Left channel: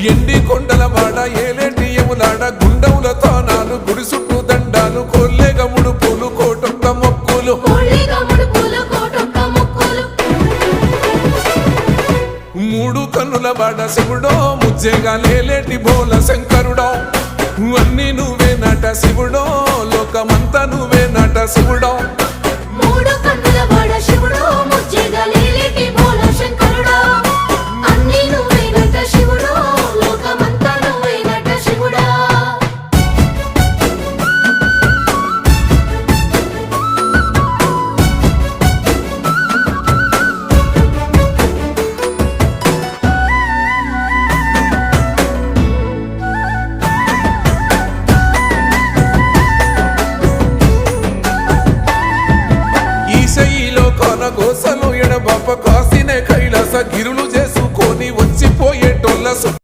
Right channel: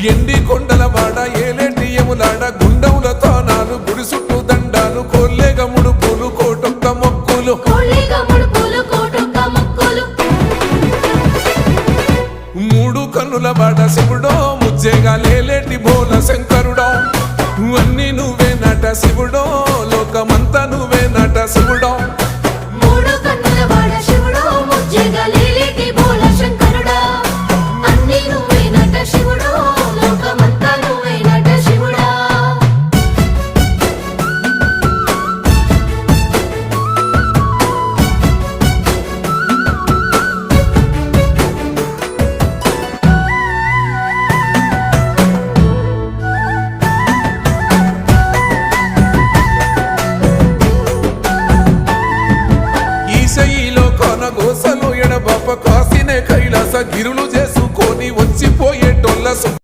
ఎండి కొండల వాడ ఏలేటి యములాడ గుండముల తానాలు గుడి చుట్టూ దండాలు కొల్లేగ ముడుపులు కోటొక్క మొక్కులు మూడు కన్నుల వాడ శివుడో ముజ్జేగా లేలేటి బోల శంకరుడో అన్ని నువ్వే నట శివుడో లోకమంతా నువ్వే నట శివుడో ఈశయిలో కొనగోసలు ఎడబాప కాసినే కైలాస గిరులు చేసుకొని వచ్చిపోయేటోళ్ళ